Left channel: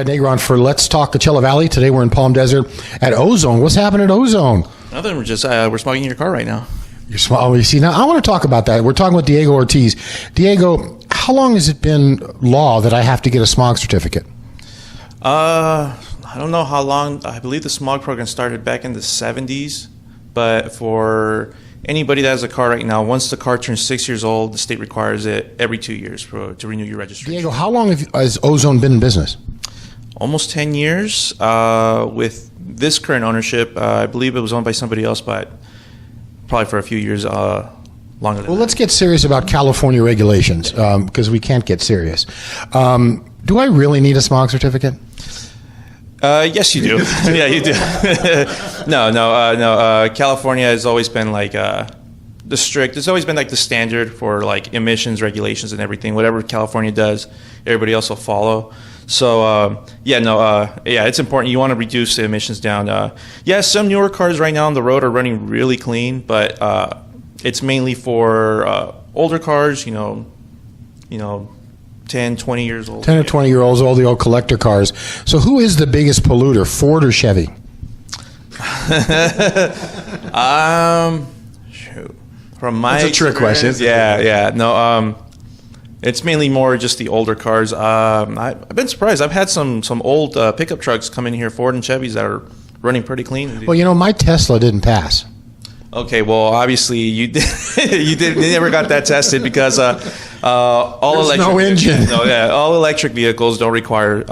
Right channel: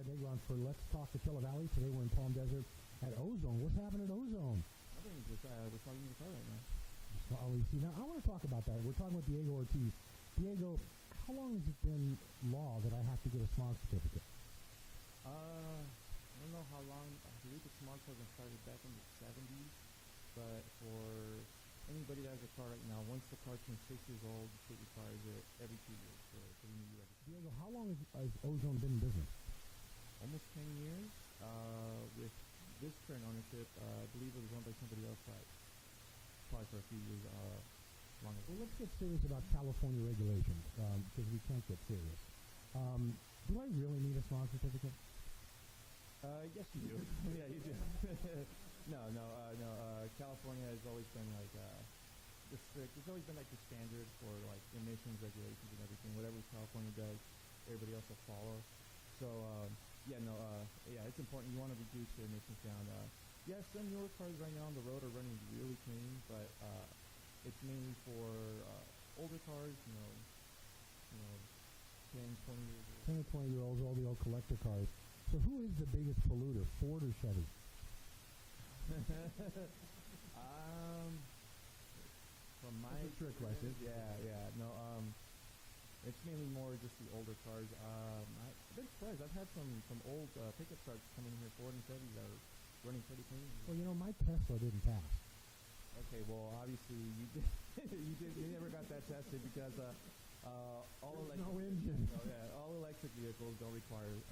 Conrad Negron for Let's Talk Coachella Valley. Today we're in Palm Desert at Ozone. What's happening at Ozone? Nothing. We're just we're smoking your car right now. You're small. You see, now I want to talk about that. We're talking with Diego Ortiz. Diego, how long has it been law that I have to get a smog certificate? I don't know how long. I believe the smog program started back in the 70s, but for anybody that has a car right now, once the car turns 6 years old, the state requires it every 2 years to renew your registration. Diego, how long has Ozone been in business? Almost 10 years. With this current ownership, I believe it was owned by somebody else, but probably for a few years longer than that. Well, let's get serious about California regulations because we can't get serious. Do I really need a smog certificate? Yes, you do. Yeah, you do. No. California has always been like the strict. It's always been like the standard for like emissions regulations and everything. Whatever California does, everybody else will follow. So it's important. You want to reduce the emissions down. Some newer cars right now on the road are running really clean, but it's mainly for older cars. 10, 20 years old. 10 or 20 year olds, all the old collector cars. So who is the biggest polluter, Ford or Chevy? From my That's a trick question. It's mainly more just the older cars. I've been surprised. I've had some old pickup trucks come in here, Ford and Chevys, that are running pretty clean. Well, my Tesla didn't pass. Okay, well, obviously you did. You never got that tested because all electric. No engine. All electric vehicles don't require.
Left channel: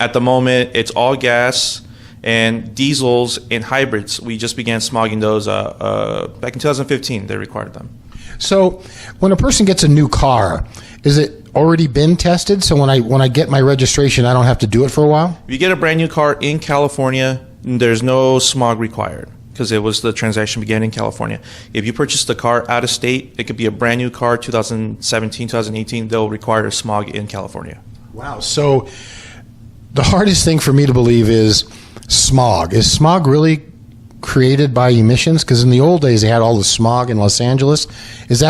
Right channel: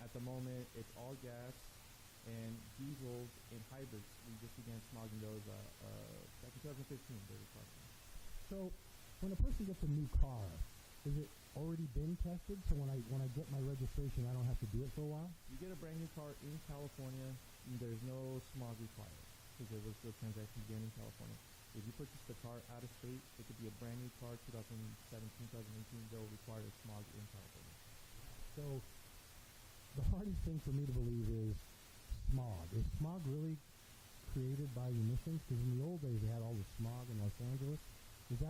At the moment, it's all gas and diesels and hybrids. We just began smogging those back in 2015. They required them. So, when a person gets a new car, is it already been tested? So when I get my registration, I don't have to do it for a while? If you get a brand new car in California, there's no smog required, because the transaction began in California. If you purchase the car out of state, it could be a brand new car, 2017, 2018, they'll require a smog in California. Wow. So the hardest thing for me to believe is smog. Is smog really created by emissions? Because in the old days, they had all the smog in Los Angeles. Has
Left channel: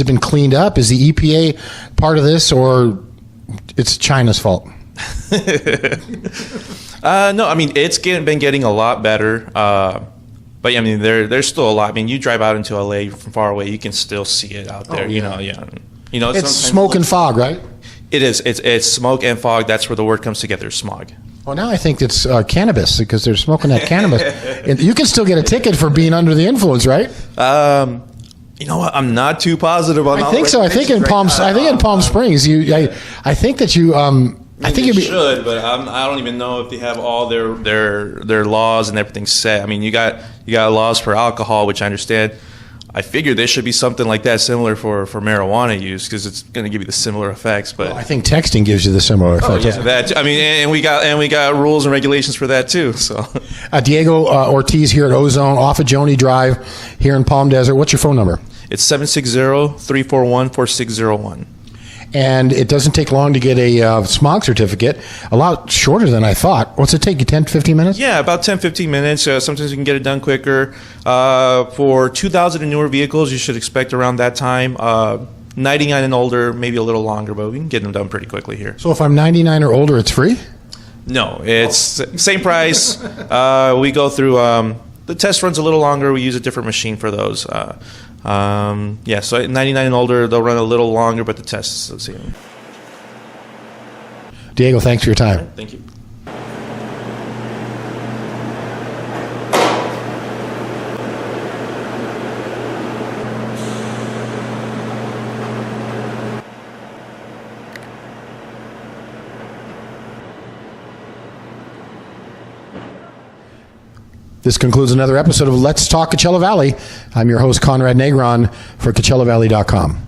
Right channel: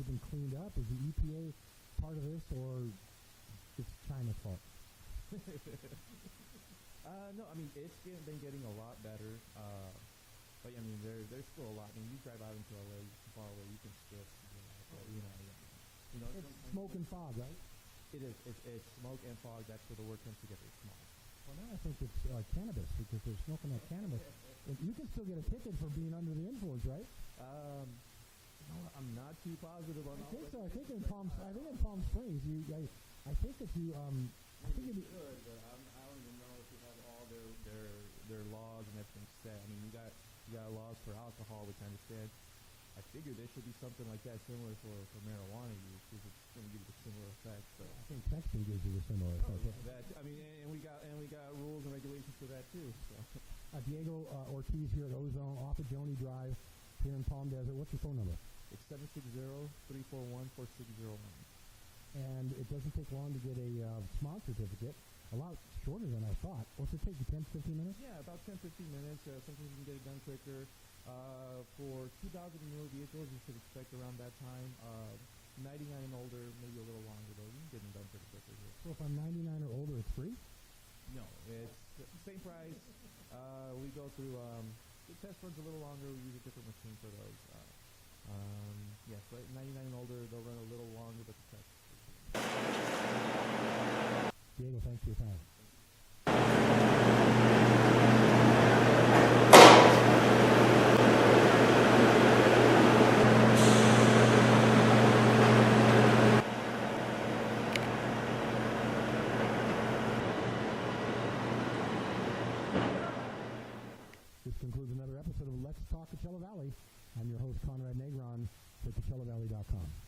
it been cleaned up? Is the EPA part of this, or it's China's fault? No, I mean, it's been getting a lot better. But I mean, there's still a lot. I mean, you drive out into LA from far away, you can still see it out there. It's smoke and fog, right? It is. It's smoke and fog. That's where the word comes together, smog. Well, now I think it's cannabis, because they're smoking that cannabis. And you can still get a ticket for being under the influence, right? You know what? I'm not too positive on. I think so. I think in Palm Springs, I think that you. I think you should, but I don't even know if they have all their laws and everything set. I mean, you got laws for alcohol, which I understand. I figure there should be something like that similar for marijuana use, because it's going to give you the similar effects. But I think texting gives you the similar effect. Yeah, that. I mean, and we got rules and regulations for that too. So, Diego Ortiz here at Ozone off of Joni Drive here in Palm Desert. What's your phone number? It's 760-341-4601. And it doesn't take long to get a smog certificate, a lot shorter than I thought. What's it take you, 10 to 15 minutes? Yeah, about 10, 15 minutes. Sometimes you can get it done quicker. For 2000 and newer vehicles, you should expect around that time. 99 and older, maybe a little longer, but we can get them done pretty quickly here. So if I'm 99 or older, it's free? No, it's same price. We go through, the test runs a little longer. We use a different machine for those. So 99 and older, they'll run a little longer, but the test is the same. Diego, thanks for your time. Right, thank you. This concludes another episode of Let's Talk Coachella Valley. I'm your host, Conrad Negron, for CoachellaValley.com.